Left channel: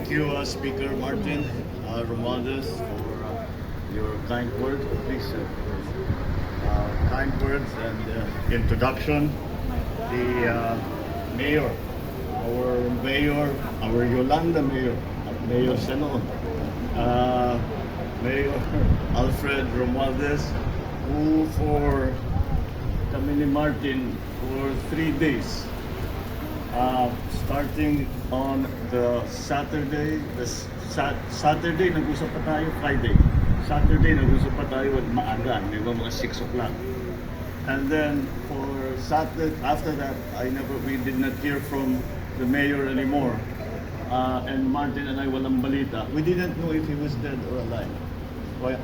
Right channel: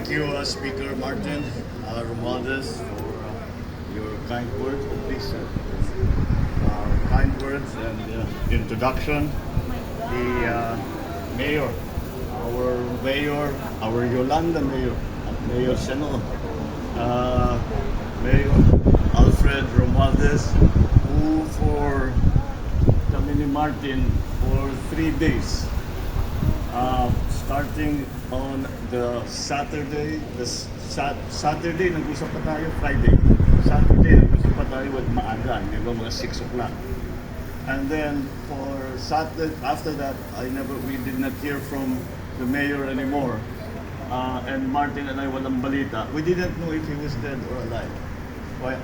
Thank you, Speaker Martin Romualdez, for your kind words. Oh, please, sir. Kind words and introduction. The mayor, our Yolanda mayor, Mayor Seno, Mayor Alfred Romualdez, who for kami ni Martin for 3 days. Starting on the Saturday, Saturday nag-usap pa tayo, Friday. Saturday nag-usap pa tayo with maaga, mga 6 o'clock. And then for Saturday, after that, we did not hear from the mayor anymore. And Martin and I walang balita. We didn't know if he was dead or alive.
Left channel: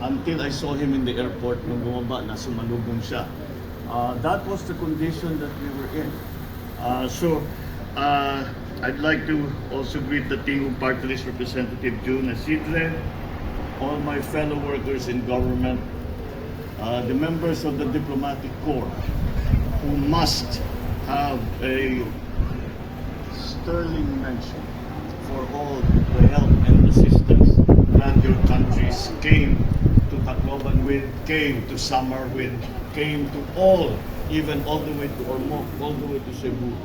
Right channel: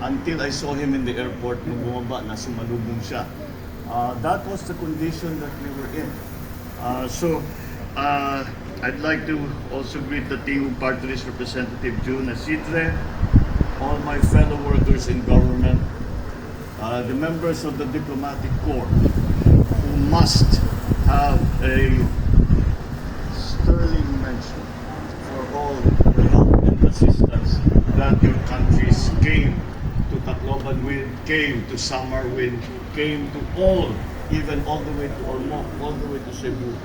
Until I saw him in the airport nung bumaba na sumalubong siya. That was the condition that we were in. I'd like to also greet the team party list representative June Asidre, all my fellow workers in government, the members of the diplomatic corps who must have a sterling mention for all the help and assistance that your countries came to Tacloban with, came to Samar with, came to all, even all the way to Ormoc, all the way to Cebu,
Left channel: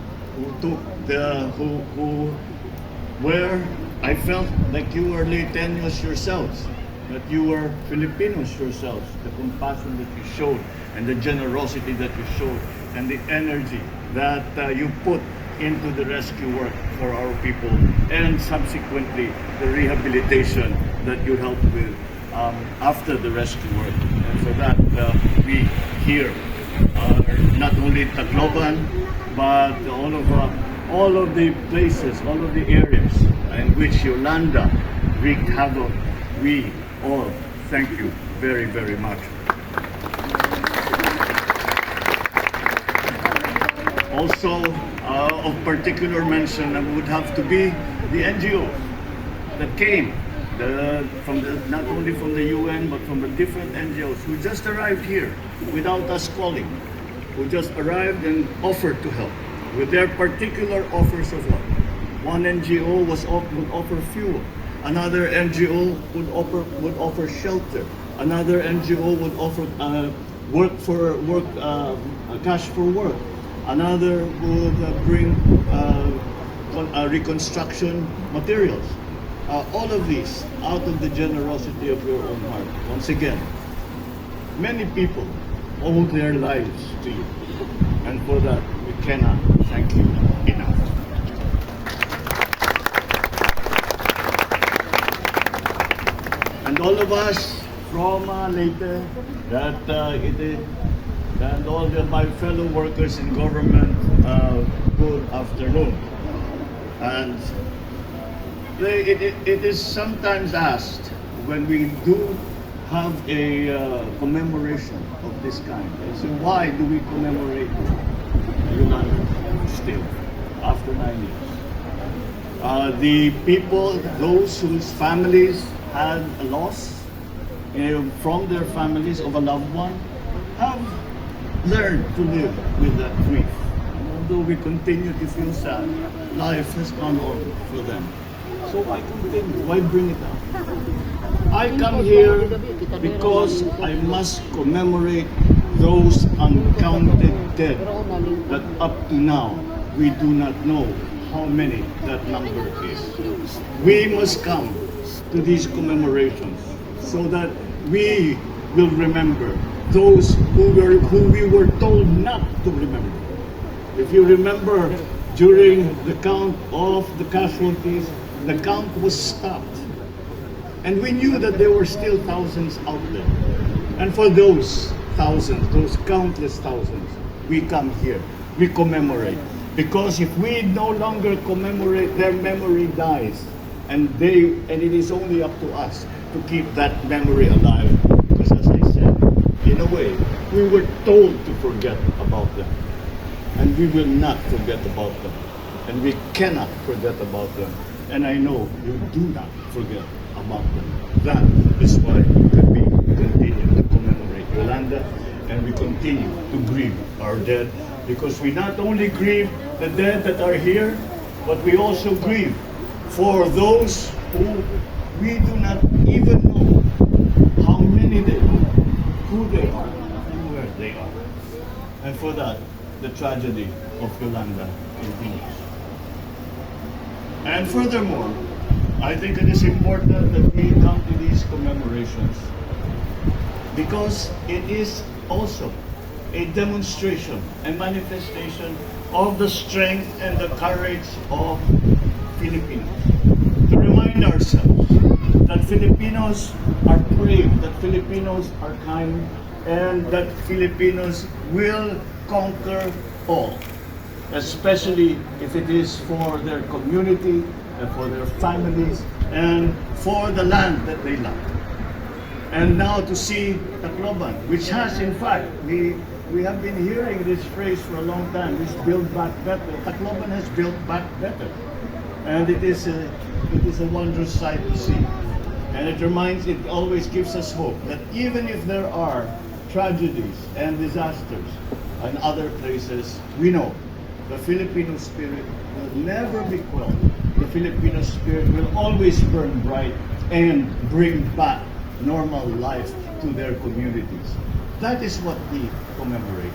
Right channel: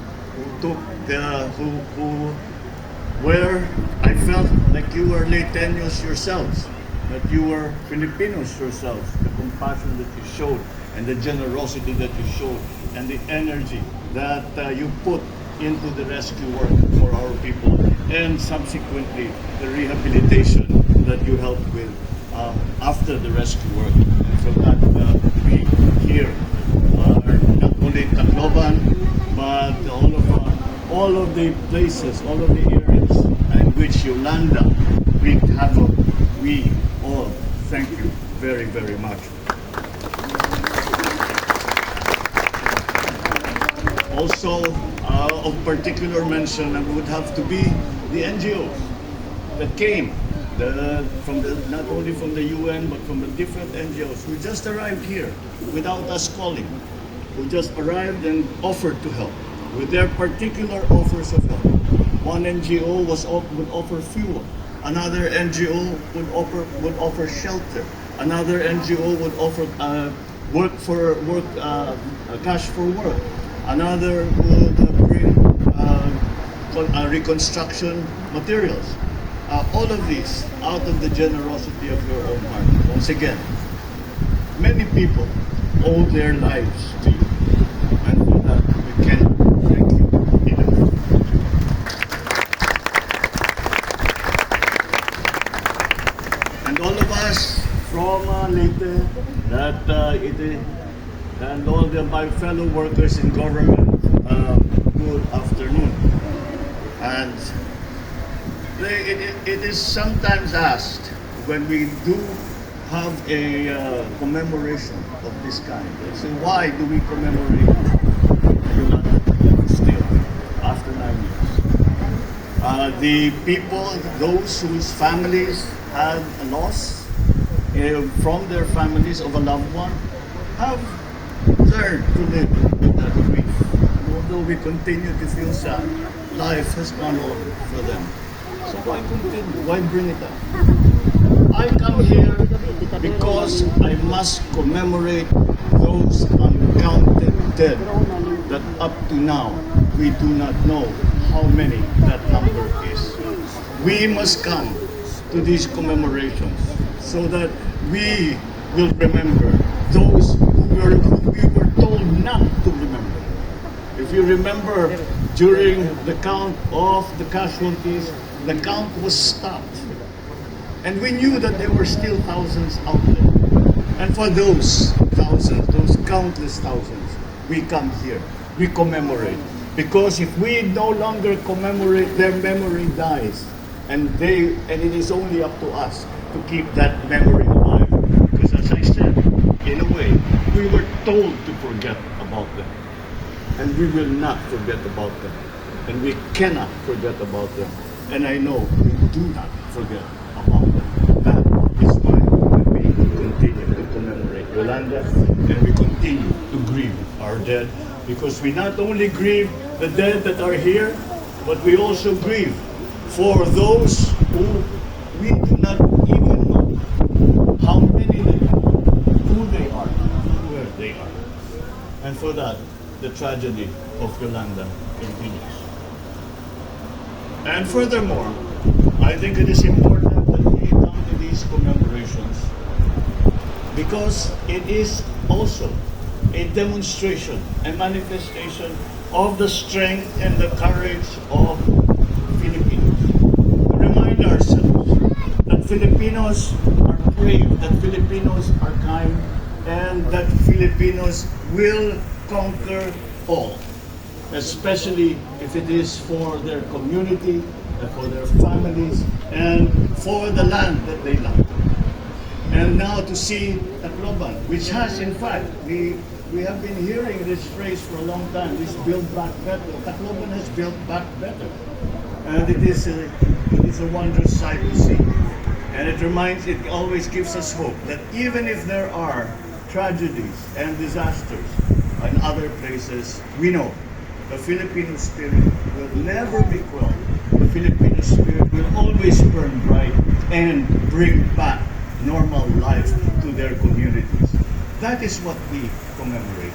where I felt like you were Leyteños yourselves, that you were Filipinos yourselves, the compassion that you showed and the generosity that you showed and the energy that you put into the rescue work for our people, and subsequently the rehabilitation that you helped with after the rescue work. And for that, we here, not only Tacloban, but all of the places, all of the areas in which Yolanda wreaked havoc, we all thank you very, very much. Also, of particular mention would have to be the NGOs that came, not only from the UN, but from the different NGOs who just arrived here without us calling, who just arrived and offered to help with their particular offers of help. One NGO would offer fuel, another NGO would offer shelter, another NGO would offer cash for work, another would bring reconstruction materials. All of these out of the generosity of your own heart. Once again, many people owe their lives to you, and for that we cannot thank you enough. And all of us from Leyte, and all my fellow workers in government, good afternoon. And it is sometimes asked when we do have a commemoration of this kind. They say, why do we commemorate Yolanda still after 9 years? The people, those whose families had a loss from their families of a loved one, have learned to live with that grief. And although we continue to feel sad, life has gone on for them. So why continue? Why bring it up? I come here because I must commemorate those uncounted dead that up to now we do not know how many that number is. We must come to these commemorations so that we will remember those who we were told not to remember. If you remember, during the count of the casualties, the count was stopped. And we knew that there were still thousands out there. And for those thousands, those countless thousands, we come here, we commemorate. Because if we no longer commemorate, their memory dies. And it is only up to us to keep that memory alive. Because as I said, in a way, we were told to forget about them. And we will not forget about them. And we cannot forget about them. And I know we do not forget about them. That is why we continue to commemorate Yolanda, and we continue to grieve our dead, because we not only grieve the dead that are here, but we also grieve for those who we do not even know how many they are, who they are, and where they are. And for that, the tragedy of Yolanda continues. And furthermore, I think it is important that we come to these commemorations because it is also a demonstration, a manifestation of the strength and the courage of Filipinos. To remind ourselves that Filipinos are brave, that Filipinos are kind, and that Filipinos will conquer all, especially if it is for their community, and for their families, and for the land that they love. And now to see Tacloban, which has in fact, we have been hearing this phrase for a long time, this build back better. Tacloban has built back better. And it is a wondrous sight to see. And it always gives us hope that even if there are tragedies and disasters in other places, we know the Filipino spirit will never be crushed. The Filipino spirit will always burn bright and bring back normal life to their communities. That is what we commemorate.